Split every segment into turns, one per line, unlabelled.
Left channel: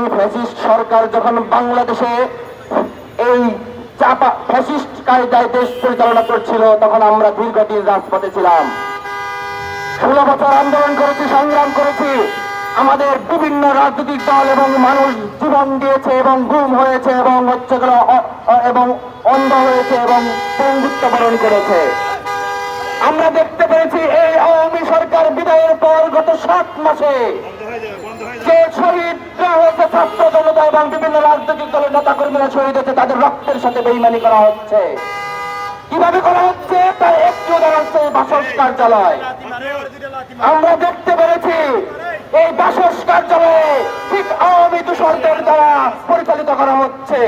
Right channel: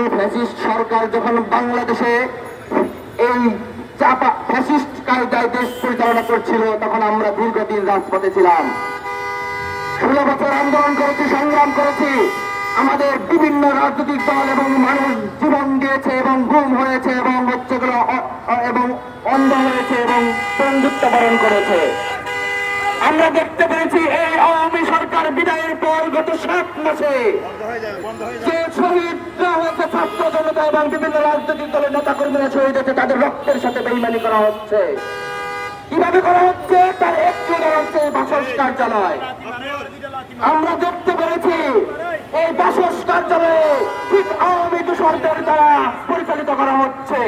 Awami fascist সরকার যখন বাংলাদেশে এই চাপা ফ্যাসিস্ট কায়দায় দেশ পরিচালনা করছিল, তখন আমরা দীর্ঘদিন রাজপথে ছিলাম। ষোলো বছর আন্দোলন করেছি, সংগ্রাম করেছি। আমাদের বিভিন্ন রাজনৈতিক দল এবং মানুষ জীবন দিয়েছে এবং গুম হয়েছে এবং হচ্ছে এবং অন্ধ হয়েছে এবং পঙ্গুত্ব বরণ করেছে। আমরা দেখতে পেরেছি এই আওয়ামী সরকার বিদায়ের পর গত সাত মাসে যে শহীদরা হয়েছে ছাত্র জনতা এবং বিভিন্ন রাজনৈতিক দলের নেতা কর্মীরা শহীদ হয়েছে তাদের রক্তের সাথে বেইমানি করা হচ্ছে। কীভাবে করা হচ্ছে? তার একটু হচ্ছে বাসস কার্যালয়। আমরা দেখতে পেরেছি এই বাসস কার্যালয়ে ঠিক আওয়ামী দূষরদের দ্বারা পরিচালিত করা হচ্ছে।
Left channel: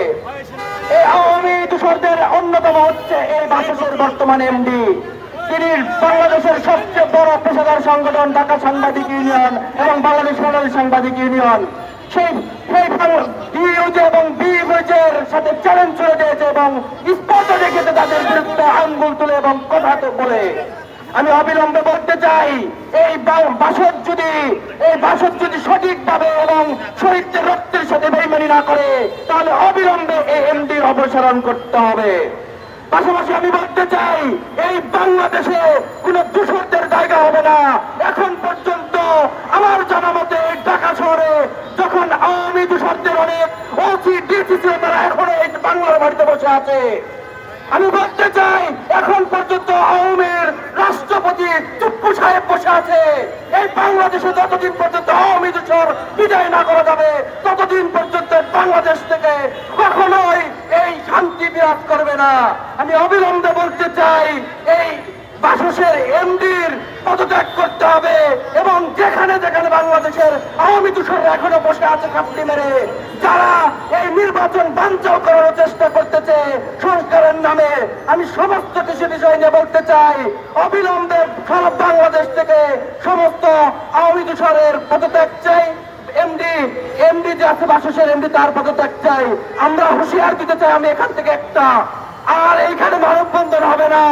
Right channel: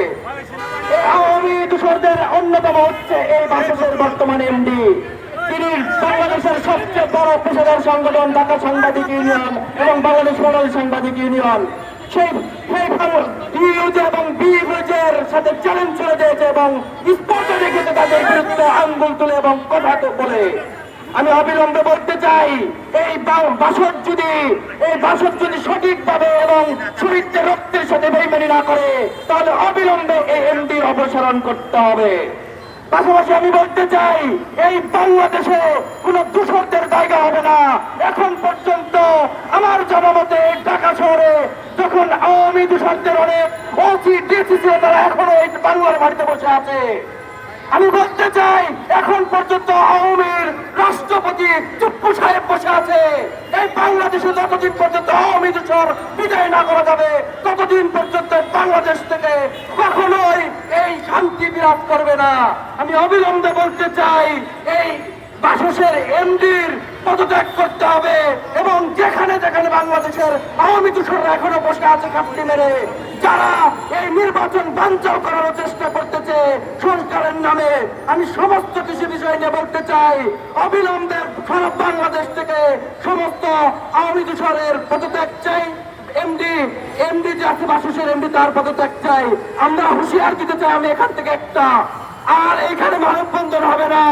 এই আওয়ামী দূষরদের অন্যতম হচ্ছে এই বাসসের বর্তমান এমডি। তিনি বাংলাদেশের সবচেয়ে বড় পেশাদার সংগঠন ঢাকা সাংবাদিক ইউনিয়ন এবং বাংলাদেশ সাংবাদিক ইউনিয়ন। সেই এবং সাথে চ্যালেঞ্জ করে দিয়েছে এবং স্পষ্ট রেখেছে তাদের বিরুদ্ধে আঙ্গুল তুলে এবং কথা বলে। আমি অবিলম্বে বলতে চাই, এই বা- বাসদ যদি, এই বাসর যদি সঠিকভাবে এবং শহীদদের রক্তের সাথে বেইমানি না করে, তাহলে অবিলম্বে এই এমডির অপসারণ করতে হবে। পাশাপাশি আমি বলতে চাই, এই বাংলাদেশে কোন দূষণদের জায়গা হবে না। এখন পর্যন্ত আমার জনমতে ঢাকা শহরে যখন আওয়ামী দূষণদের অনেক ওসি ডিসি ছিল তারা এখনও এই বাংলার বাড়িতে বসে আছে। আমি বলতে চাই, এখন পর্যন্ত আওয়ামীর রাষ্ট্রপতি চুপ্পু সাহেব বসে আছে। এই বাংলাদেশে যতদিন পর্যন্ত আওয়ামী দূষণ বিদায় না করা যাবে, ততদিন পর্যন্ত বাংলাদেশ থেকে কখনোই এই শান্তি বিরাজ করবে না? আমি অবিলম্বে বলতে চাই, এই বাসুসের এমডির পদত্যাগ করতে হবে এবং যেখানে যেখানে বাংলাদেশের আওয়ামী তুষাররা এখনও বসে আছে কাপড়ি মেরে, যারা নির্বাচন বাঞ্চাও করার চেষ্টা করতেছে সরকারের নামে। আমি সমস্ত কিছু বিষয় নিয়ে বলতে চাই, অবিলম্বে সারা বাংলাদেশ থেকে সমস্ত আওয়ামী দূষণের পদত্যাগ চাই। এমডি এমডি যে আছে বাসসের এমডি তার পদত্যাগ চাই। আমরা হুঁশিয়ার দিতে চাই আমি এখান থেকে একটা। আর এইখানে মানববন্ধন হবে না।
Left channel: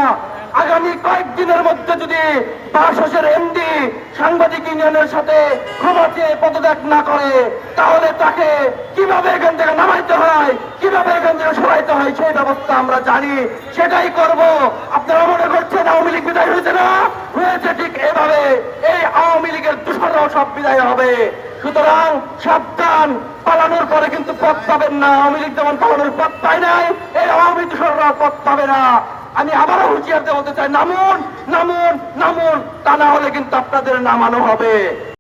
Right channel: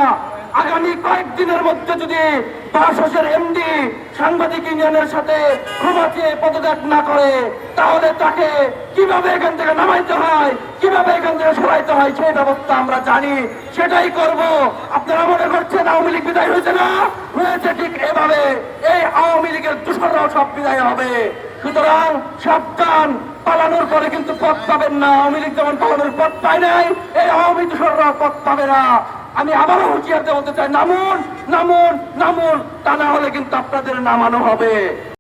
আগামী কয়েকদিনের মধ্যে যদি বাসসের এমডি সাংবাদিক ইউনিয়নের সাথে ক্ষমাতে পদত্যাগ না করে, তাহলে তাকে কীভাবে এখান থেকে নামাইতে হয়, কীভাবে এখান থেকে সরাইতে হয়, সেই ব্যবস্থা আমরা জানি। সেটাই করব। আপনারা মনে করছেন আওয়ামী লীগ বিদায় হয়েছে না? হয়েছে ঠিক এভাবে। এই আওয়ামী লীগের দূষণরাও সব বিদায় হবে। সুতরাং সাবধান, পালানোর পরে কিন্তু পথ পাবেন না। আওয়ামী লীগ যেমন পালানোর পথ পায় নাই, এই আওয়ামী দূষণরা পথ পাবে না। আমি আবারও হুঁশিয়ার দেওয়া বলতে চাই, নামুন নামুন নামুন। তা না হলে কিন্তু আপনাদের নামানো হবে।